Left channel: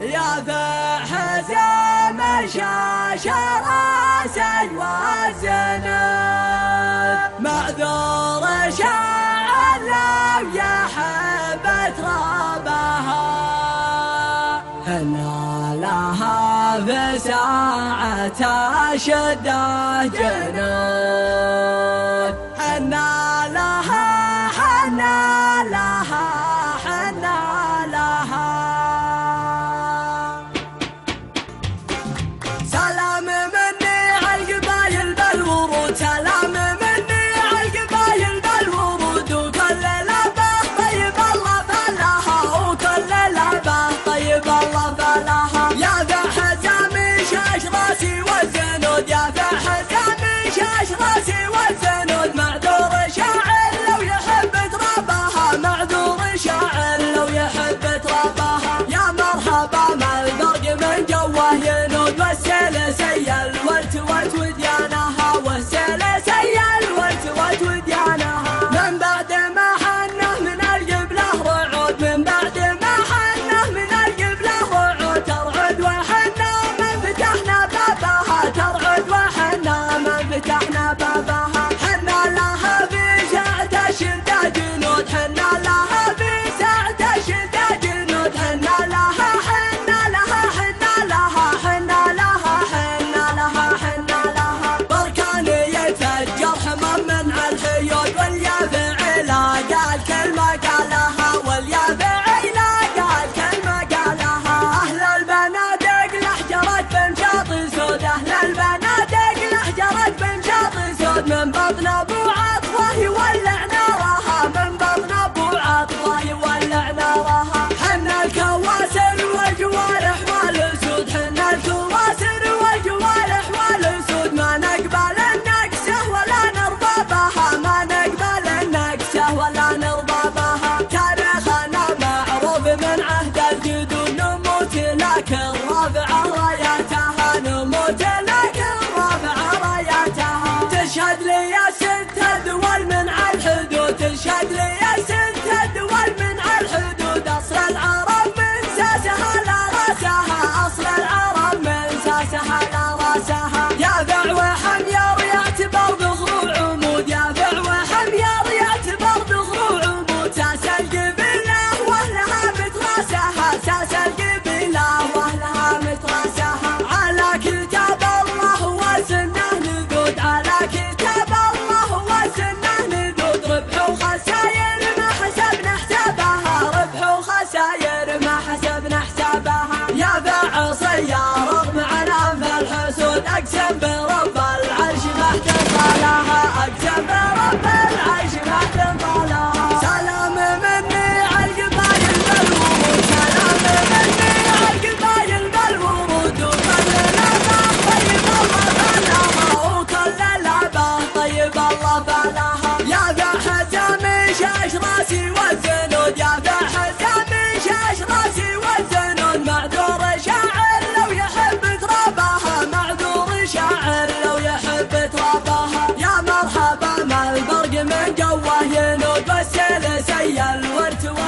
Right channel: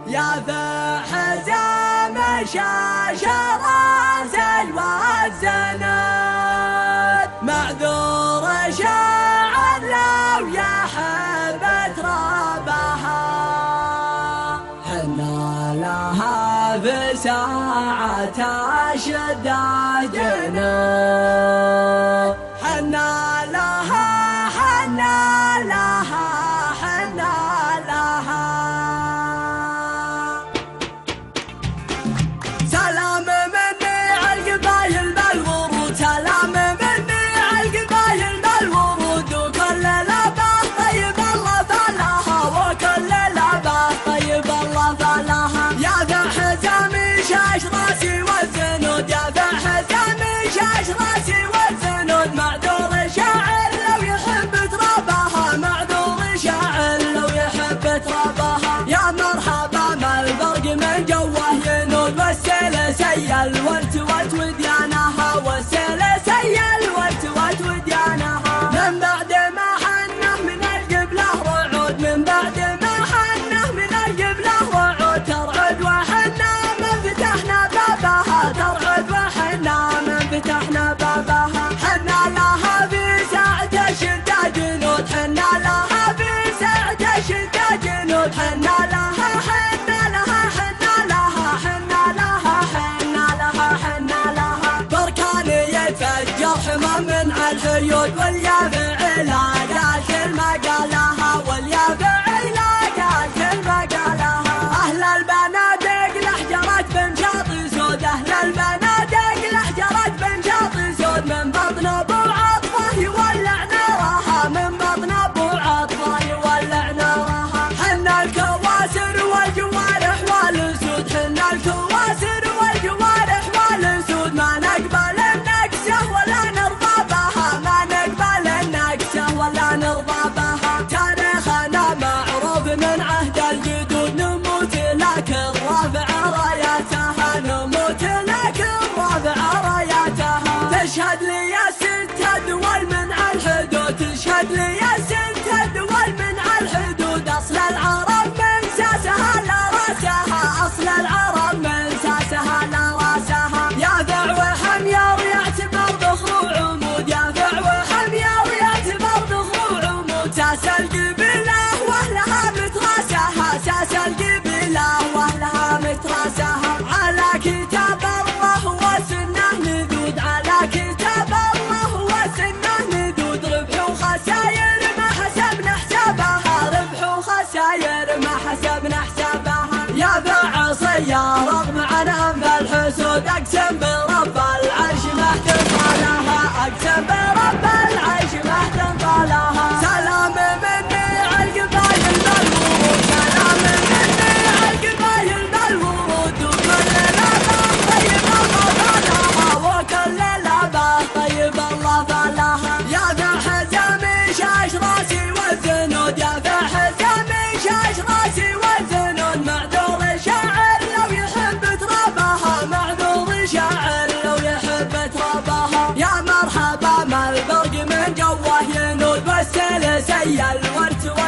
يا فحزام شاشراسي والزناد معذور شاعر لو يحب ترابها هنا لها في ساعة شدة جنود هنا لها حنا لها حنا لها سلام مني عالقبايل بالورود سلام مني عالقبايل بالورود وكل لبه طيب الله فلاها وكل لبه طيب الله فلاها يا فحزام شاش راسي والزنود يا فحزام شاش راسي والزنود معذور شاعر لو يحب ترابها معذور شاعر لو يحب ترابها يا مرحبا ما البرق من جوه ينود والسيل سيل والتوت وديانها والسيل سيل والتوت وديانها من بعد ما حنه من القبله رعود من بعد ما حنه من القبله رعود ترعد وحنا من فتحنا بابها ترعد وحنا من فتحنا بابها حنا لها في ساعة الشتا جنود حنا لها في ساعة الشتا جنود حنا لها حنا لها حنا لها حنا لها حنا لها حنا لها بركان يتفجر حمام من الحيود واليافع لا قال كلمة قالها واليافع لا قال كلمة قالها أهل البنادق لحجرت بمشاط سود أهل البنادق لحجرت بمشاط سود من بطن أبو عطفة يولع نارها من بطن أبو عطفة يولع نارها حنا الكواسر والجوارح والأسود حنا الكواسر والجوارح والأسود ما نقبل النكسة ولا نرضى بها ما نقبل النكسة ولا نرضى بها تاريخنا معروف من عهد الجدود نموت لكن رافع راياتها نموت لكن رافع راياتها تشهد لي ست دول من الحدود تشهد لي ست دول من الحدود أصل العرب من ساسها لا راسها أصل العرب من ساسها لا راسها يا ذع وحمير يعتبر ظهور عمود يا ذع وحمير يعتبر ظهور عمود ساس القبيلة واهلها متراسها ساس القبيلة واهلها متراسها على كتاب الله وسنه نذود على كتاب الله وسنه نذود ربح وخساير ما حسبنا حسابها ربح وخساير ما حسبنا حسابها يا فعصية رغم عنها في الحسود أقسم برب العرش ما احتفالها أقسم برب العرش ما احتفالها سلام مني عالقبايل بالورود سلام مني عالقبايل بالورود وكل لبه طيب الله فلاها يا فحزام شاش راسي والزنود يا فحزام شاش راسي والزنود معذور شاعر لو يحب ترابها معذور شاعر لو يحب ترابها يا مرحبا ما البرق من جوه ينود والسيل سيل والتوت